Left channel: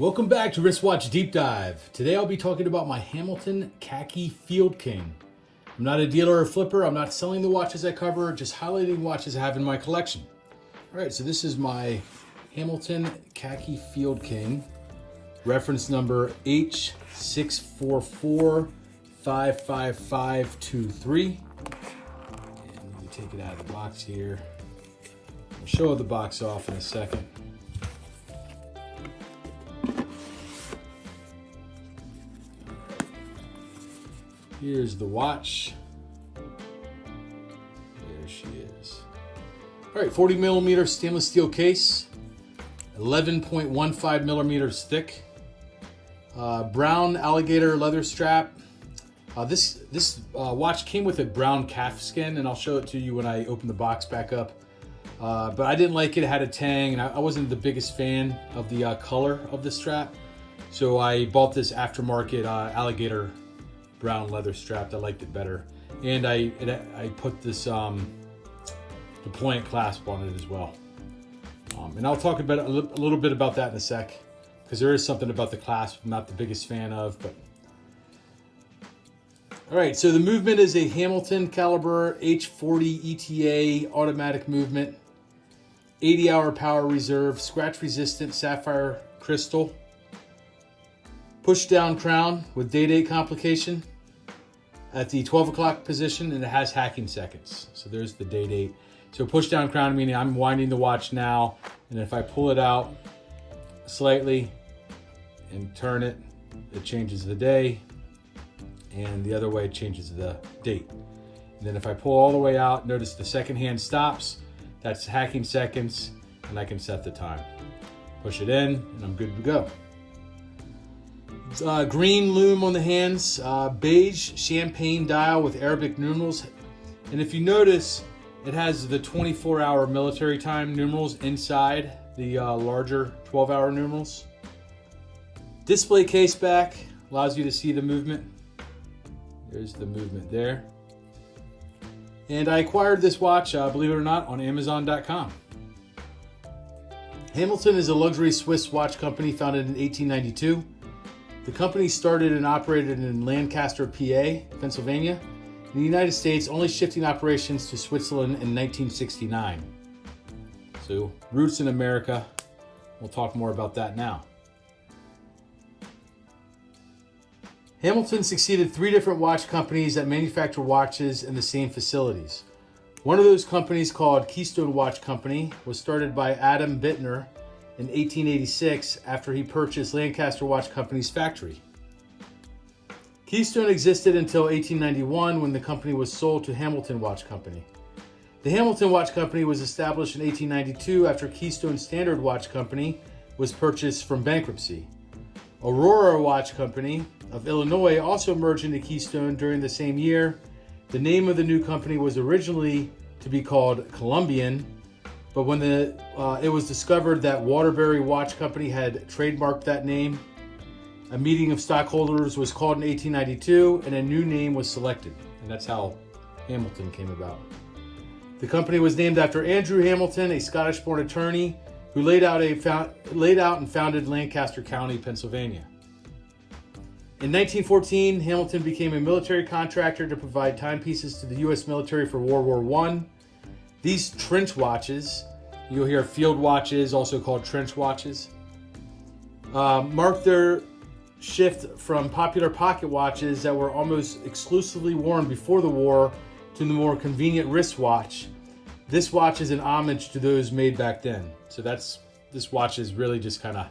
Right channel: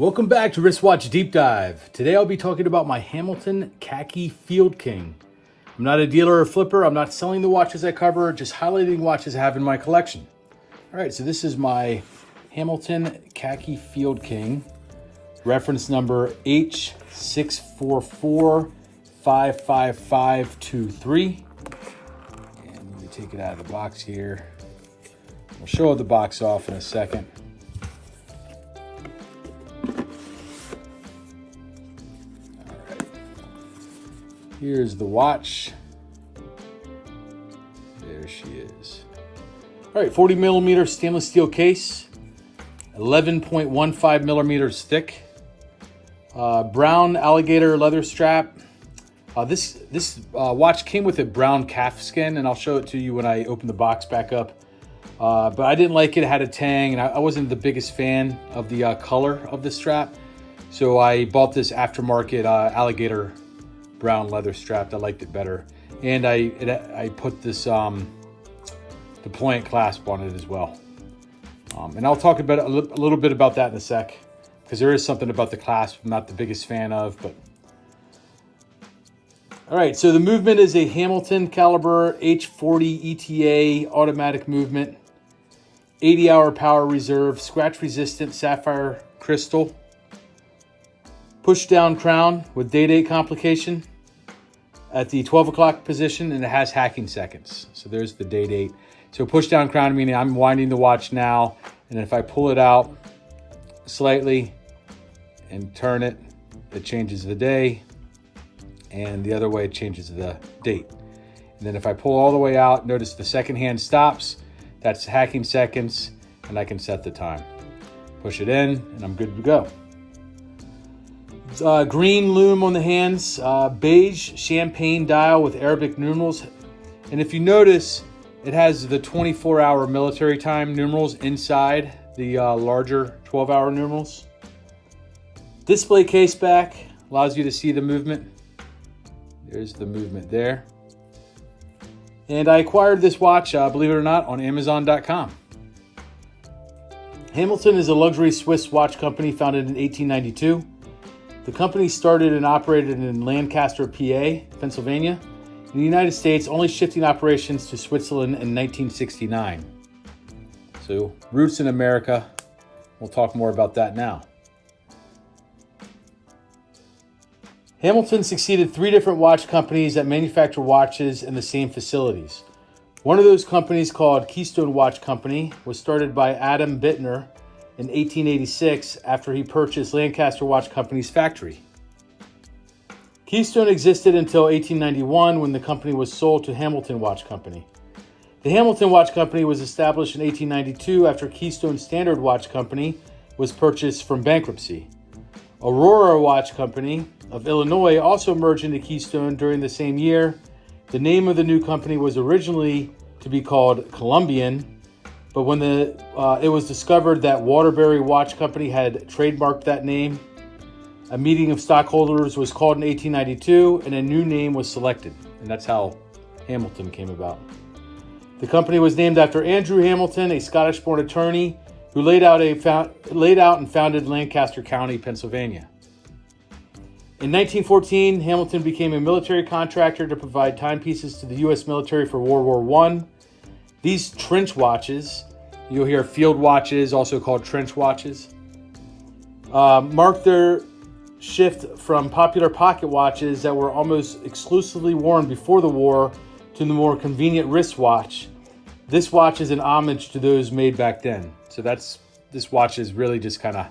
Welcome back to Wristwatch Deep Dive. Today I'll be talking about my Hamilton Khaki Field King. I'm not a dealer or flipper. I'm not selling the watches I cover, just highlighting watches I have in my collection. All right, so this is my Hamilton Khaki Field King, reference number H644-55523. And you take it out of the box here. We'll show the box off in a second. Here's the watch. There she is. All right, 40 millimeter stainless steel case, 11.15 millimeters thick, brown alligator leather strap. This watch came with a brown calf skin, and I'll show it to you when I open the box back up. But I didn't like it. It had a tang, and I wasn't the biggest fan of the color of the strap. So I bought this aftermarket alligator brown leather strap. I liked it better, and I put this deployant clasp on it as well. And I'll talk about a little bit about that in a sec, because there is something about the clasp I'm not the biggest fan of. But all right, so the movement is a Hamilton caliber H40 ETA automatic movement, 80-hour power reserve, scratch resistant sapphire crystal, push down crown with day-date complication at the 12 o'clock position, and it has hacking seconds. So there's the day-date. So push down crown, meaning I'm winding the watch now, and if I pull it out slightly and turn it, it changes the day, and the other way it changes the date. And then if I pull all the way out, notice the second hand stops. That's hacking seconds, and I can set the time. Push it in, and I'm good to go. Green lume on the hands, beige champagne dial with Arabic numerals. And if you notice, it has the 24-hour military time numerals inside the larger 12-hour numerals. Display case back allows you to see the movement. There's the movement there. And I acquired this watch, believe it or not, on Amazon.com. Hamilton is a luxury Swiss watch company founded in 1892. The company started and operated in Lancaster, PA, Pennsylvania, in the United States, only shifting operations to Switzerland in 1969. So, roots in America. We'll talk more about that now. Hamilton succeeded 3 different watch companies that manufacture watches in the same facilities. One of those companies, called Keystone Watch Company, was started by Adam Bittner in 1886 after he purchased Lancaster Watch Company's factory. Keystone existed until 1891, when the company was sold to Hamilton Watch Company. The Hamilton Watch Company was established in 1892 after Keystone Standard Watch Company was purchased from bankruptcy. Aurora Watch Company of Illinois also merged into Keystone during the same year. The name of the new company was originally to be called Columbian, but when it was discovered that Waterbury Watch Company had trademarked that name, a meeting of stockholders was called in 1892 and a new name was selected. And that's how Hamilton came about. The company was named after Andrew Hamilton, a Scottish-born attorney who laid out and founded Lancaster County, Pennsylvania. In 1914, Hamilton became a military contractor to provide timepieces to the U.S. military for World War I. These trench watches, you'll hear field watches, also called trench watches, marked their shift from popular pocket watches that were almost exclusively worn before the war to the more convenient wristwatch. This watch is an homage to those made back then. So this watch is really just kind of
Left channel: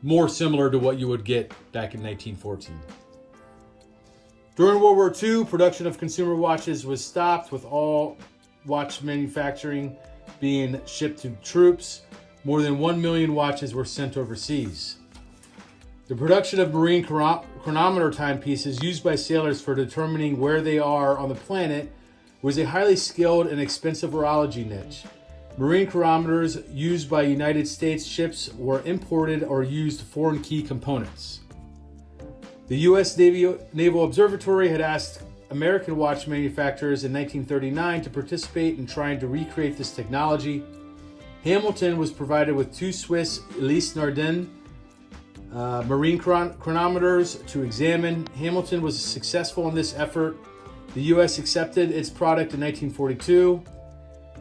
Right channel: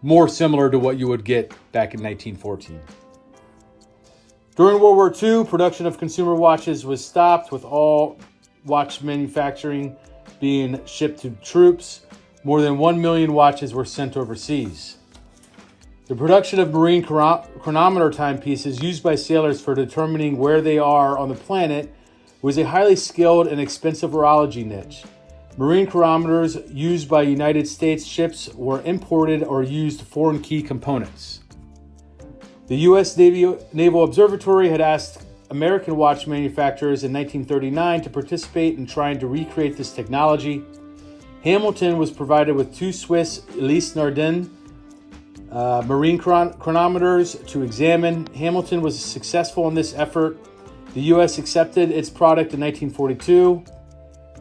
more similar to what you would get back in 1914. During World War II, production of consumer watches was stopped, with all watch manufacturing being shipped to troops. More than 1 million watches were sent overseas. The production of marine chronometer timepieces used by sailors for determining where they are on the planet was a highly skilled and expensive horology niche. Marine chronometers used by United States ships were imported or used foreign key components. The U.S. Naval Observatory had asked American watch manufacturers in 1939 to participate in trying to recreate this technology. Hamilton was provided with 2 Swiss Elise Nardin marine chronometers to examine. Hamilton was successful in this effort. The U.S. accepted its product in 1942.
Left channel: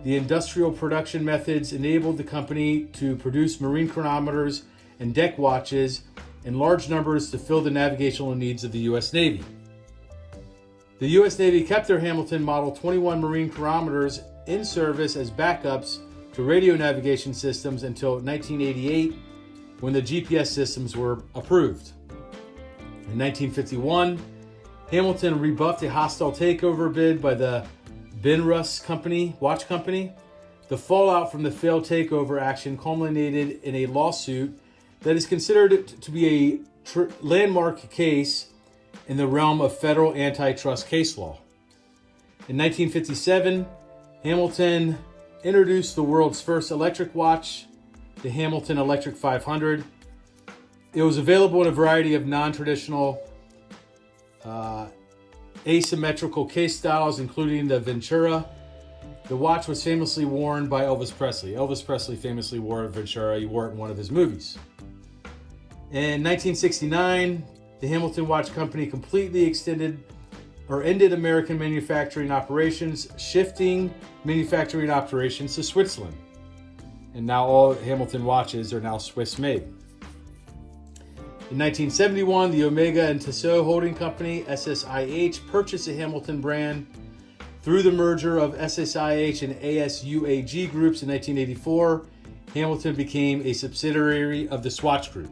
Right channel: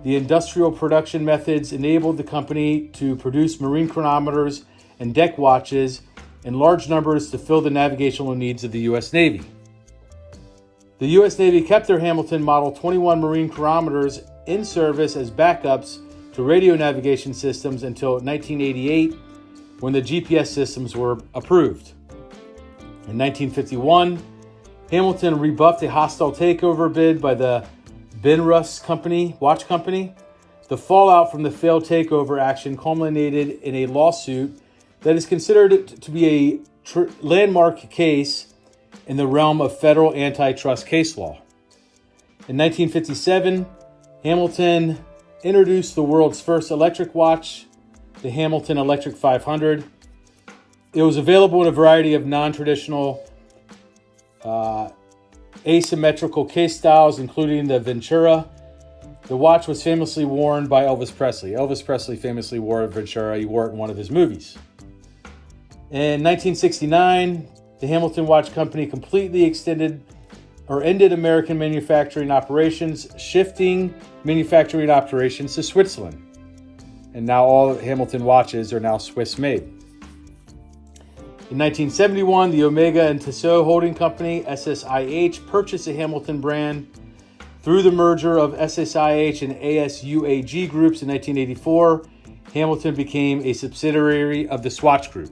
The industrial production methods enabled the company to produce marine chronometers and deck watches in large numbers to fill the navigational needs of the U.S. Navy. The U.S. Navy kept their Hamilton Model 21 marine chronometers in service as backups to radio navigation systems until 1988, when the GPS systems were approved. In 1951, Hamilton rebuffed a hostile takeover bid by the Benrus watch company. The fallout from the failed takeover action culminated in a lawsuit that is considered to be a landmark case in the realm of federal antitrust case law. In 1957, Hamilton introduced the world's first electric watch, the Hamilton Electric 500. It was available in a variety of non-traditional asymmetrical case styles, including the Ventura. The watch was famously worn by Elvis Presley. Elvis Presley famously wore a Ventura. He wore it in one of his movies. In 1969, the Hamilton Watch Company completely ended American manufacturing operations, shifting manufacturing operations to Switzerland. And now all Hamilton watches are now Swiss made. In 1971, the Omega and Tissot Holding Company, SSIH, purchased the Hamilton brand. Through the merger of SSIH and ASUAG groups in 1984, Hamilton became a subsidiary of the Swatch Group.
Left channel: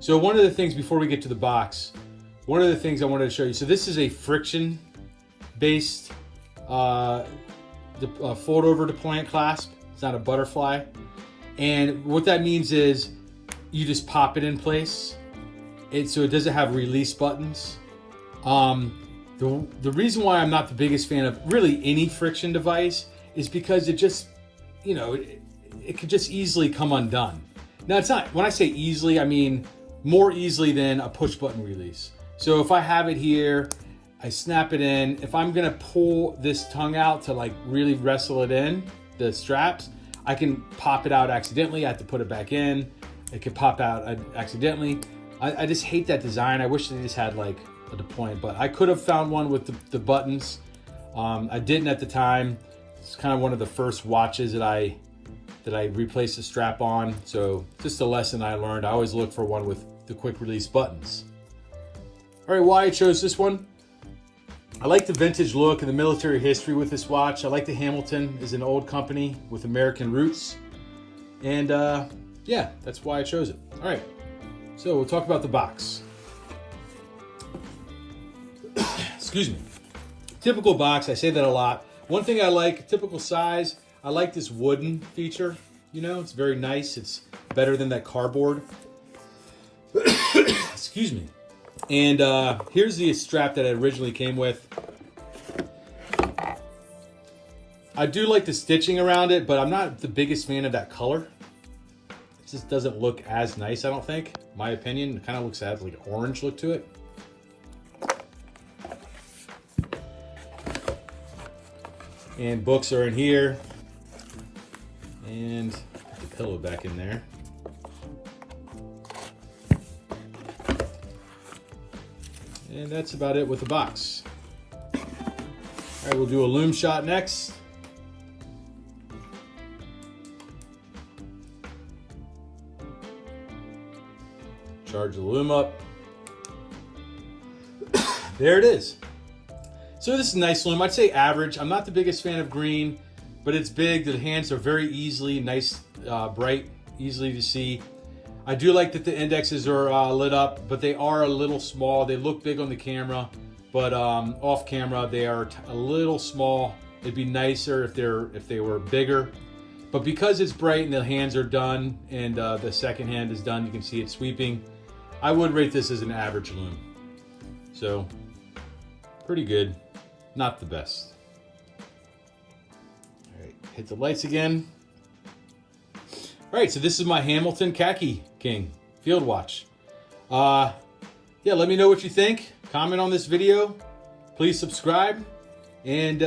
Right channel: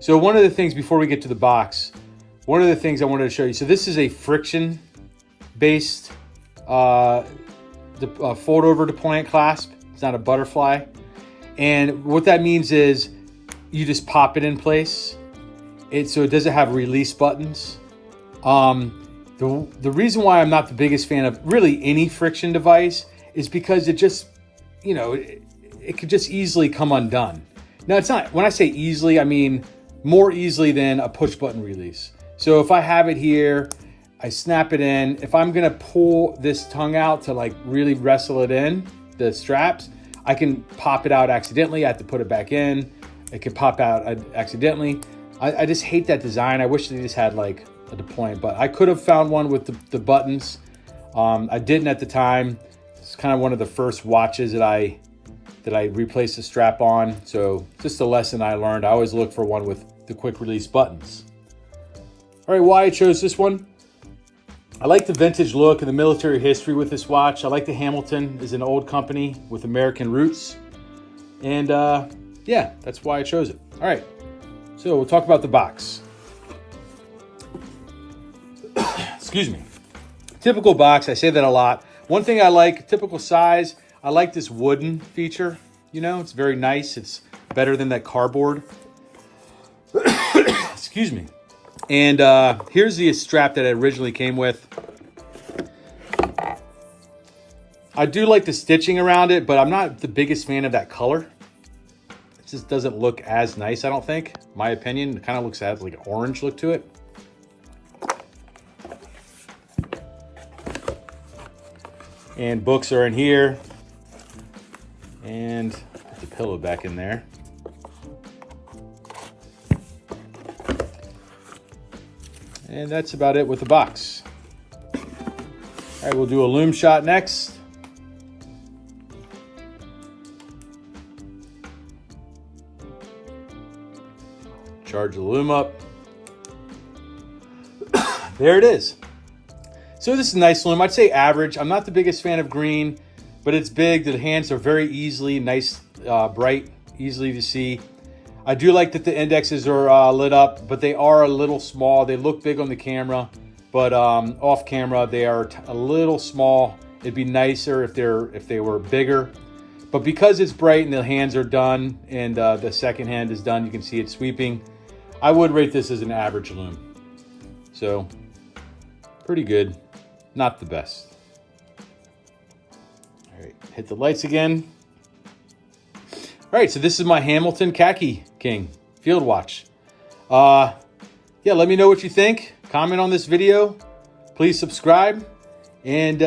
So one of the things, before we get to the box, one of the things I wanted to show you, so this is a friction-based fold-over deployant clasp. It's not a butterfly. And what that means is you just pop it in place. So it doesn't have release buttons. The reason why I'm not the biggest fan of really any friction device is because it just, it could just easily come undone. Now, it's not, when I say easily, I mean more easily than a push button release. So if I have it here, I snap it in. If I'm gonna pull this tongue out to like really wrestle it in, the straps, I can pop it out accidentally. I have to put it back in. It could pop out accidentally. I just hate that design. I wish they just had like a deployment, but I could have found one with the buttons. I didn't at the time. It's kind of one of the first watches that I replaced the strap on. So just a lesson I learned. I always look for one with the quick release buttons. All right, why I chose this one. I like the vintage look and the military history with this watch. I like the Hamilton is an old company with American roots. And yeah, that's why I chose it. All right, so we'll talk about the box. Excuse me. Typical box, I say that a lot. One thing I like, typical size, I like this wooden feature. It's very nice. It's better than that cardboard. Excuse me. And here's the strap that it originally came with. I do like the stitching around it, but I'm not the biggest fan of that color. It just doesn't look as nice, I don't think. My opinion, it kind of looks like an orange look to it. And books are in here. And put the pillow back in there. And that's about it with the box. All right, we'll do a loom shot next. Charge the loom up. There it is. So this is a nice loom. I'd say average. I'm not the biggest fan of green, but it's big. The hands are very easily, nice, bright, easily to see. I do like that the indexes are lit up, but they are a little small. They look big on the camera, but off camera they are a little small. It'd be nicer if they were bigger. But because it's bright and the hands are done and the second hand is done, you can see it sweeping. I would rate this as an average loom. So pretty good, not the best. All right, hit the lights again. All right, so this is my Hamilton Khaki King field watch. Yeah, let me know what you think. Comment on this video. Please subscribe. And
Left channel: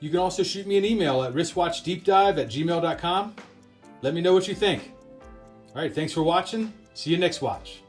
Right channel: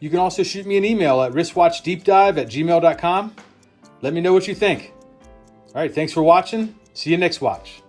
you can also shoot me an email at wristwatchdeepdive@gmail.com. Let me know what you think. All right, thanks for watching. See you next watch.